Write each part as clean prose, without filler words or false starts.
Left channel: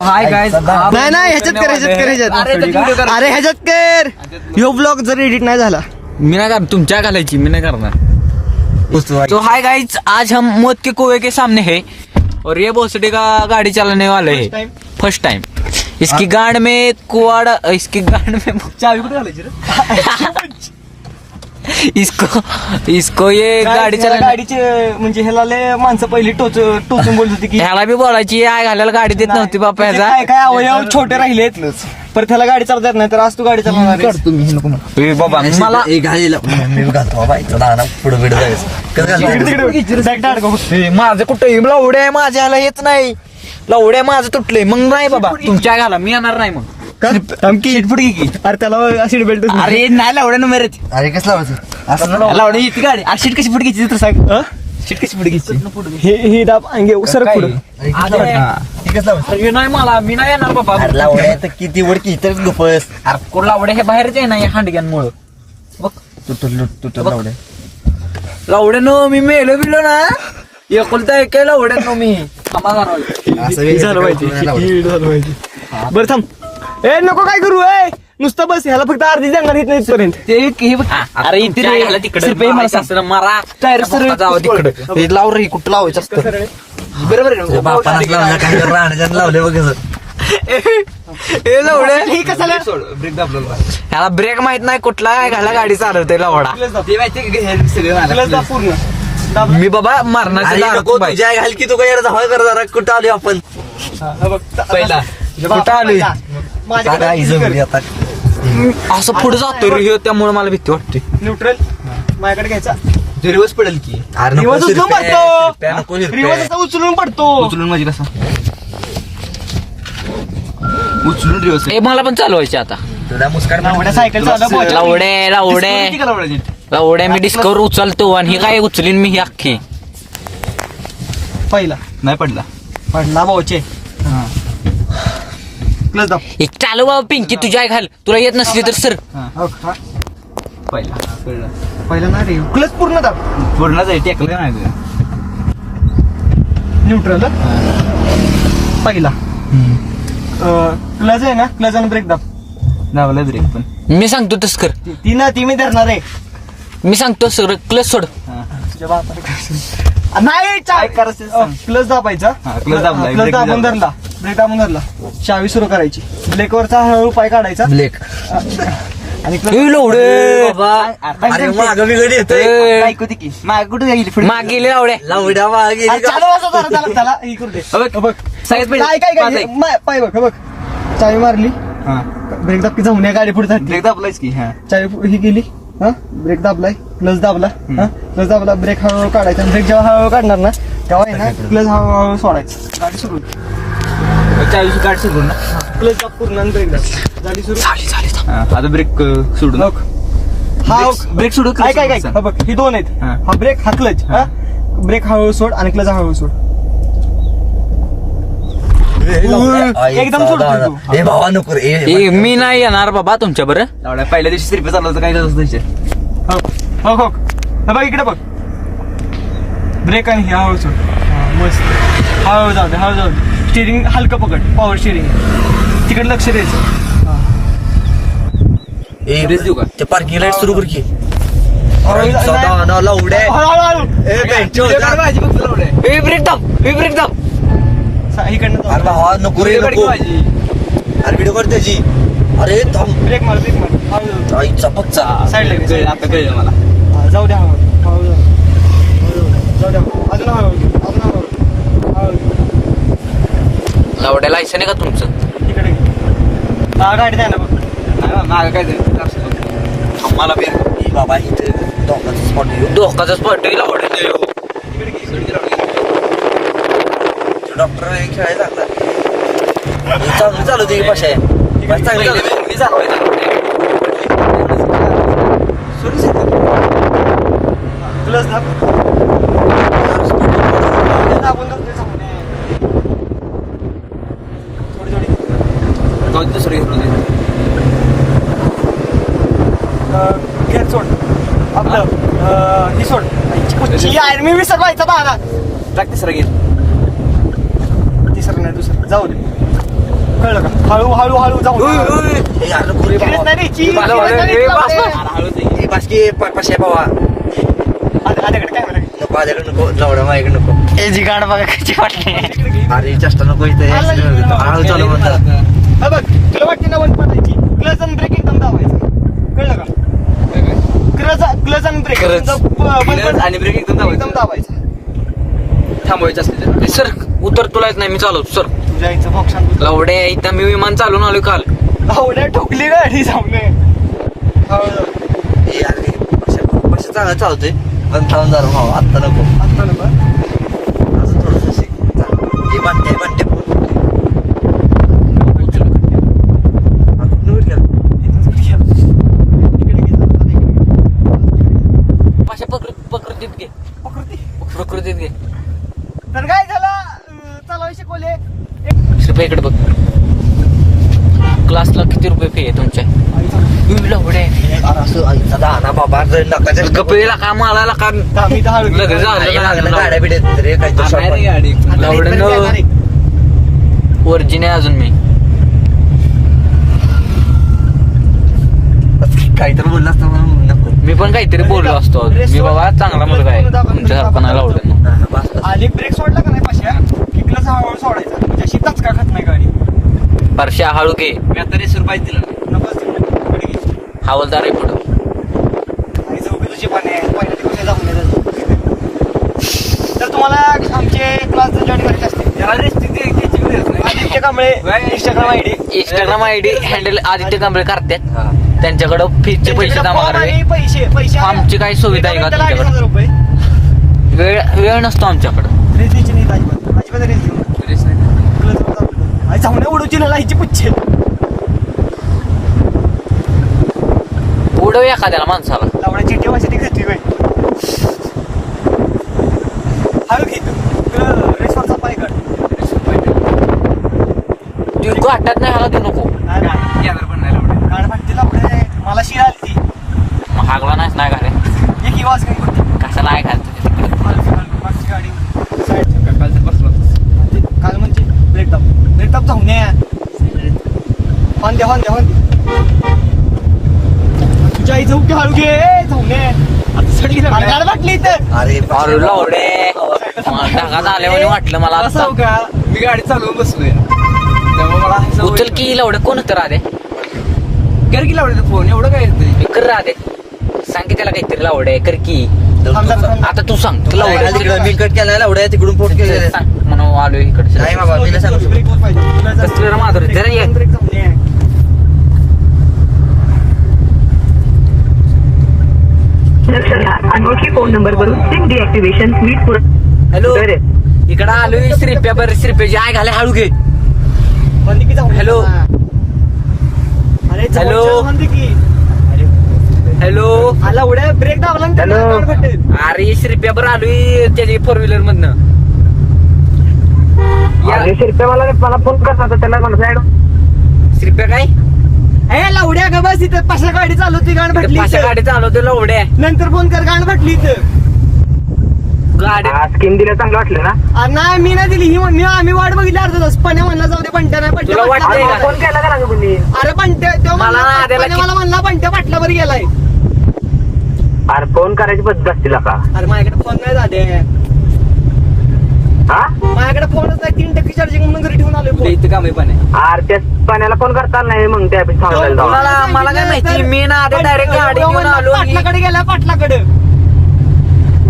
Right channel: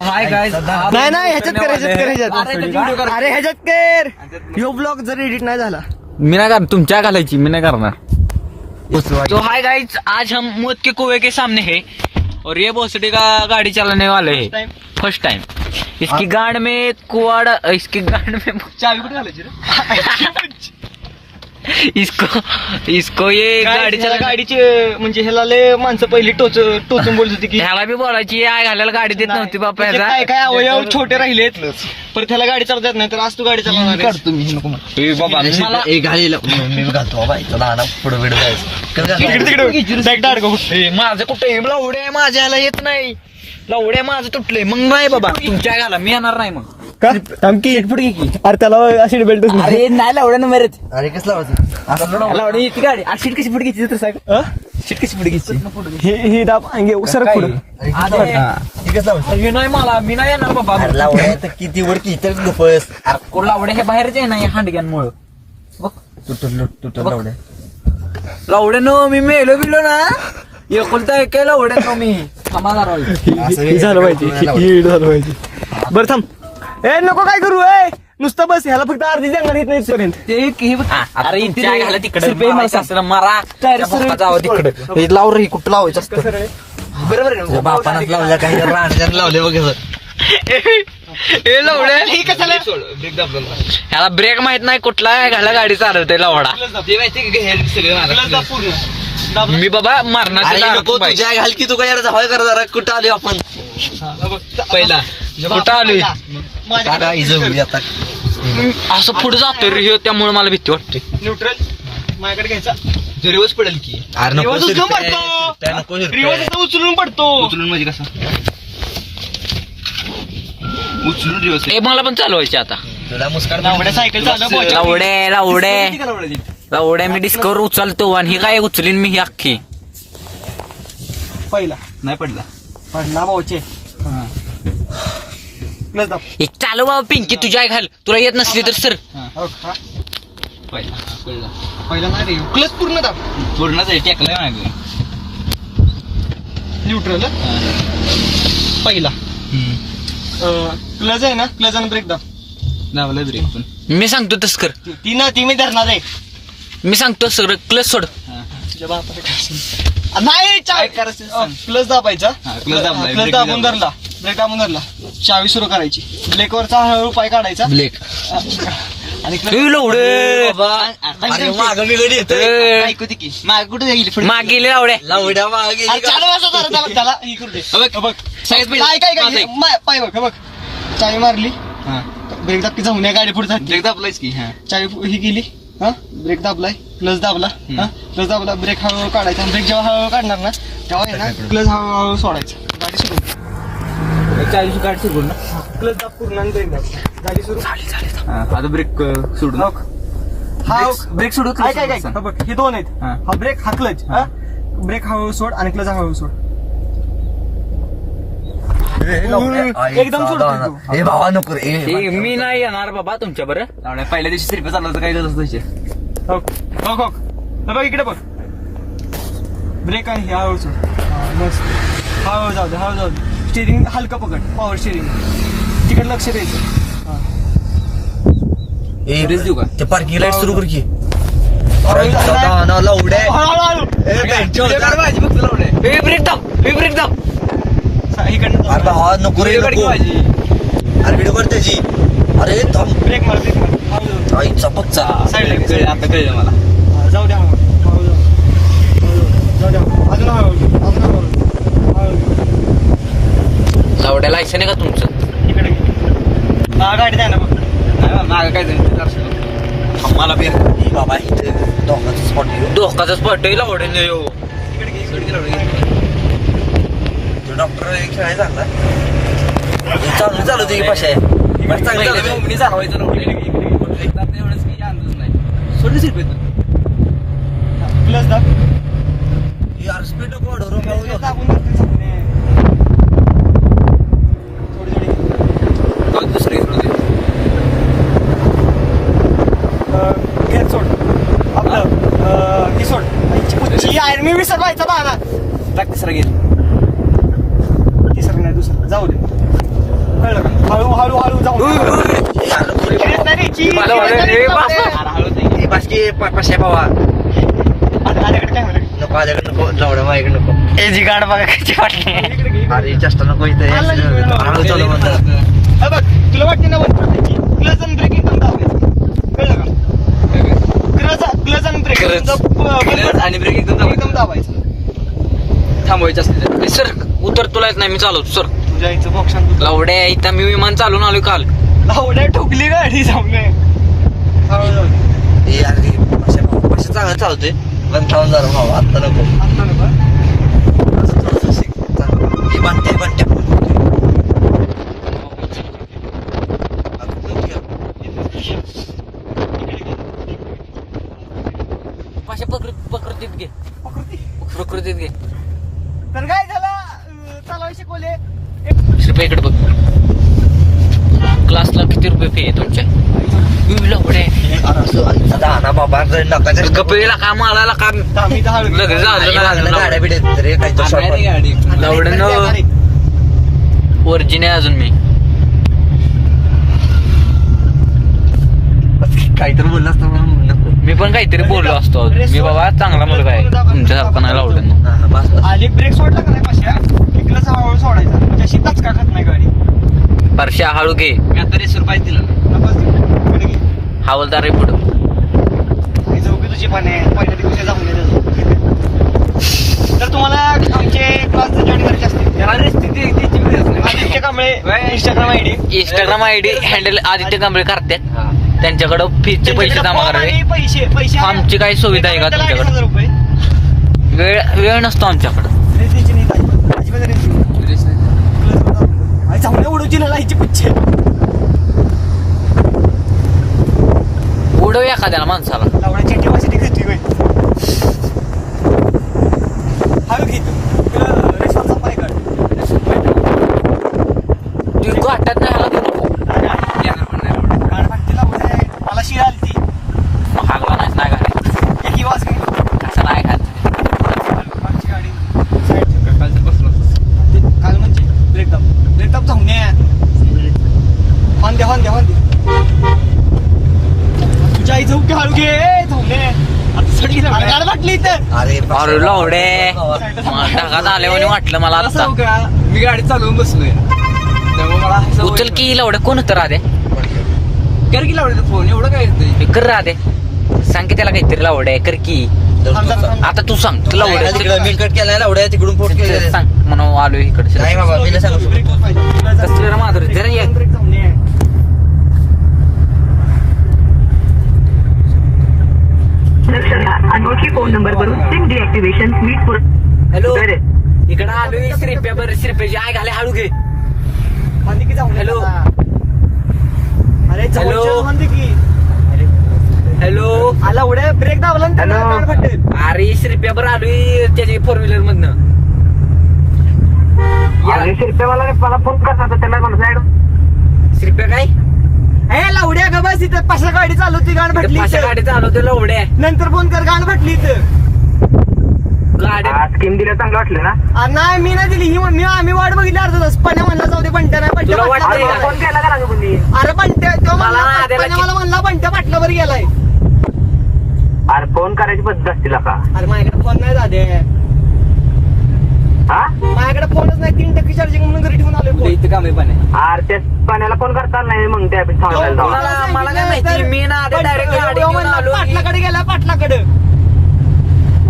Hi guys. नाही ह्याच्यात कर. अरे ह्याच्यात कर. ह्यो ब्लॉग जर एडिट नाही झाला मी नाही करणार, तुमच्या घालायची मी नाही करणार. तो हाय गाइस, आज हम मौत के कुएं के सामने है और ये भोसड़ी का गाड़ी चलाने वाले है फर्स्ट टाइम. इसकी गांड में कुआड़ा, इसकी गांड में चाबी कुठे घालायची रे? इसको ये गाडीचे म्हणजे ह्याला लय माणसं पहिली टोचून बोलत होती की ह्याला बी बोलायची आय घालायला गाडी देत नव्हती बापा त्याचे ह्याचा. काय काय अवयव छोटे राहिलेत तर त्याला गाडी चालवता येत नाही, तर आज तू गाडी चालवणार आहेस. तुम्ही नको ए बाबा मला मी घालतो बाईचा लहान पुढे बिडे जायचं बॅग अडकव. ए, माझं कुठे लवड्या आहे, माझ्या ह्याला येत नाही. लवड्या माझं तुटलंय मग नाही बाबा तुमच्या घाला मी येणार नाही. मग अरे त्याला सीट बेल्ट अरे नाही लवड्या नंबर येते. अरे कसं लावायचं असं लवड्या येते गाडी. अरे सीट कशी पुढे घ्यायची तर सांग. सीट कशी पुढे घ्यायची? ही दाब सरक पुढे. अरे नाही मला मी नाही येणार बाबा. लावड्या तर किती वर किती गुपस अरे कोण लावड्या हे बाहेरच आहे ना या हांडग्यांमुळं. बघ तुटल लावड्या लवड्यानं मी मेलो बिलो ना एकुलता एक लवड्यानं मी झालं माहिती. बरं थांब. ए नको काय करू ए, नुसतं बस. ह्याला फक्त अर्धी जंगल येत नाही इथपर्यंत. अरे इथे रे, तिकडे मला सासरा मारा जावं तिकडे. लाव रे कुठं लावायचं असतं बरोबर बापानं लावलं काय राहण्याच्या लावले बघ हे लवड्या ह्याला ब्रेक माहित नाही कुठला काय घाला गाडी चालवते लवडा. मी बाबा मारण्याचे घाल की तू काय धावाय कर जरा कुठं आली आपण पहिला कुठं आलोय आता असं पुढे जातोय रे ह्यो, त्यामुळे मला भीती वाटते. न्यूट्रल माझ्याकडे घ्यायचा. रिवर्स पडेल की रिवर्स उचलून पडतो. रिवर्स उचलून पडतो. उचलून म्हणजे कसा उचलून रिवर्स. ए मला पण चालवायचे आता. तुला मुस्कान सायकल लवड्या मी डिस्कवर उचलतो आणि ही काय उचलीन मी ही अख्खी. पहिला नाही पडला भाऊचे प्लस दाब. एक चालू बाबा पिंकी तुझ्या आई घाल, तुला येत नसली तर सर. पहिला नाही प्लस पूर्ण दाब. पूर्णच आहे टेकलं नाही. न्यूट्रल पहिला प्लस आहे ना, प्लस आणि ब्रेक दाब. दाबला ब्रेक पण मी सांगतो तस कर. ती मी धरणार आहे. मी सांगतो सगळं क्लच सोड. तुझ्या बापाला काय नाही. काय करायचं? प्लस दाबायचा. क्लच दाबला, प्लस दाबून धरला, ब्रेक दाबून धरला, चावी सुरू करायची. ब्रेकवरचा हळूहळू पाय काढायचा ब्लेक आणि मागे गेले लावड्या लावड्या मागे त्याला ही करू दे. काय पाय बघ बघ. चावी मारली, ब्रेक दाबकी जाऊन या गाडी पुढे ब्रेक दाबलायच की. चावी ही गेली, ब्रेक दाबलाय, प्लस दाबला, प्लस दाबला, ब्रेक हळूहळू काढायचा. ब्रेक जेव्हा हळूहळू काढणार ना तेव्हा आहे ना प्लस हळूहळू सोडायचं. गाडी सुरू चाळीस गाडी सुरू ना. प्लस दाब पूर्ण आणि ब्रेक दाब. गाडी सुरू. आता ब्रेक सोडून हा ब्रेक सोडू. काय काय काय बघ हे दोन आहेत. हा ब्रेक हा क्लच. ब्रेक हळूहळू सोड आणि क्लच हळूहळू सोड. एकदम सोड तू. हे भावा नको रे मी नाही येणार बाबा तुमच्या बरं. पहिल्या दिवशी सिरपे चाललं तर काय बघ बघ बघ इकडे बघ. ब्रेक आणि हळूहळू सोड. मस्त. हळूहळू जाऊ दे, हळू जाऊ दे. स्टिअरिंग हलकं पकड, पॉवर स्टिअरिंग. तिकडे लक्ष द्यायचं. रेस देऊ का ते पार्किंग लाईट सुरू कर की ब्रेक दाब. अरे भावा नको रे नको. अरे व्हिडिओ कर त्याची. अरे थांब ब्रेक मार, ब्रेक मार. चपकचा आता कळलं मला. जाऊ द्या, जाऊ द्या. अजून हळूहळू. लावड्या लायसन आहे का तुमचं? इकडे गाडी द्या ना बघ. मागं काय मला बाबा इथे धोकाचा स्पॉट धोकाचा स्पॉट आहे लावड्या. डॉक्टर खेळायला चांगलं चालू होते की पाशा मी चालवायचं प्लस दाब. दाबून दुसरी घेत सोड आपलं ही सोड. मी विसरवायचा बारा. तिसरा गेल. तिसरं नाही दुसरं जाऊ दे. कळलं का? हळू हळू हळू जाऊ Grease नाही रे, cheese. बाकी पाचशे बाबा आल्याकडे काय म्हणा नको आल्याकडे नको लावडा माझ्याकडे नको याची गाड बघा कशी वाटली. अरे जास्त नको इथं हळू चालू म्हणतात हा बघ तुला वाटते ना वन पडायची क्लच आणि ब्रेक एकदम दाबायचं कळलं का क्लच आणि ब्रेक आणि ब्रेक एकदम दाबायचं थांबवायचं असते सर उतर तुला येत नाही मी चालवतो सर. जायचं बॉक्सात लावडे इथं मी विमान चालून आलोय काल. आवड्या ठोकली गाडी सामने चांगलं चालतोय पण थांब जरा भाऊ आत्ता नको आता नको हे बाट्या पाशा प्रकृतीत घे प्रकृतीत घे. तर काय झालं चालवाय शिकवले रुपये इकडे बघ. क्लासला किती रुपये फी आहे तुमच्या? लावडे ना बाबा गप्पीला का मालायला का आम्ही दहा लगेच झालं नाही गाडी लावडे न ओरिजिन आहे अजून मी. काहीतरी बोलला असता नको मी पण काहीतरी बोललो असतो. मी बाबा चांगला मुलगा आहे तुमच्यासारखा नाही लावडे. आणि ब्रेक सोडला का नाही पाशा किकलाच हळूहळू सोडायचा त्याशी टचका खात नाही गाडी परश्या हळू घे. मी आता रेसवर पाहिजे तिला नकोच इकडे घे. हवालदार आहे पुढं. आणि चौकी तुझी पण आहे पहिल्या दिवशी जाऊन येतो तर तुम्हाला आमचे क्लास जॉईन करायचे असते Aditya Kamble Instagram ID Instagram ID handle Aditya Kamble करतात. त्यांच्याकडं फीचे पैसे जमा करावे. पैसे आमची काही सुविधा आहे का तुमच्याकडे? रुपये वेळ नसतो आमच्याकडं. रेस द्यायची नाही अजिबात रेस देऊ चांगल्या उडवची ना लाईची पुच्छे उडव एखाद्याला माणसाला. लावण्याची ठेवायची घेतली बाई हळू घे रेसवरचा पाय काढ तू गाठात नाही हाला देऊ नको. गाड फाटते लावणे मला शिरा आली ती मग हागला नाही घाले एक वाज काही कसं नाही खात. मागची गाडी काल म्हणजे ब्रेक दाब जाऊन द्या हॉन द्या तुझ्या आई जाऊ की हळू घे जाऊन दे आता सडी गाड वाटली इथं अरे अरे लावडे ढगात आल्यावर वाटलं मला आता. का मी गाडी चालवून बसलोय त्यामुळे मला उचल की लावडे. कोण होतं राधे? कर की लावलं फोन एवढं काय येतंय कर राधे. सांग की त्याला काहीतरी लावडे कर की. आता तू सांग तुला मी कट केला एवढ्या तिकडून पोट केलं सांग म्हणून आलो इकडे. नाही बाबा मी सांगतो ब्रेकवर पाहिजे कसलं माधुरी जरा ये. ब्रेक जाऊन दे लक्षात घ्या अनोळखी फोन नंबरवरून सिम डिॲक्टिव्हेशन नीट पूर्ण. हॅलो इकडं आलोय श्रीप्या बरं श्रीप्याची आय घाले हळू घे. म्हणते की जाऊन हॅलो. अरे हॅलो. हॅलो म्हणते की हॅलो आला उड्या ब्रेक दाबला ना हॅलो. गाड फाटेल अरे श्रीप्या बरं आलोय त्याची 4 व्हीलर मधनं. अरे शिरप्या मला फोन करता त्याला म्हणत श्रीप्या काय ए लावड्या ग बस इथं पाशा गाडी चालवतोय गाड फाटली पाशा इथं. गाडी चालवतो लावड्या नंतर फोन कर गाड फाटली इथं. गाडी स्कीम दिलं चांगलं वाटलं ना. नाही मी नाही दिली ही आम्ही वाट बघितली अर्धा तास पण म्हणला जाऊ दे पंट्या नाही तुला वाटतंय का? फोन केला का तुम्ही? अरे पंट्या तो मला आधीला मला म्हणला पंट्या पाटलावर गेलाय. अरे फोन करायची पद्धत असतील का? अरे माझ्याकडे फोन नाही जाते हा माझ्याकडे फोनच नाही 3% चार्जिंग म्हणून घरी ठेवून आलोय इथं कामे पण आहे. अरे त्या पाण्याला फोन करता नाही मग त्या सांगायला जाऊ. मला काय माहिती मी ना आधी डायरेक्ट गाडी घेऊन आलो. पाटलाकडे गेला पाटलाकडे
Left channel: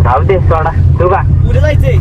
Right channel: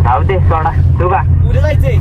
जाऊ दे सोडा तू का पुढे जायचंय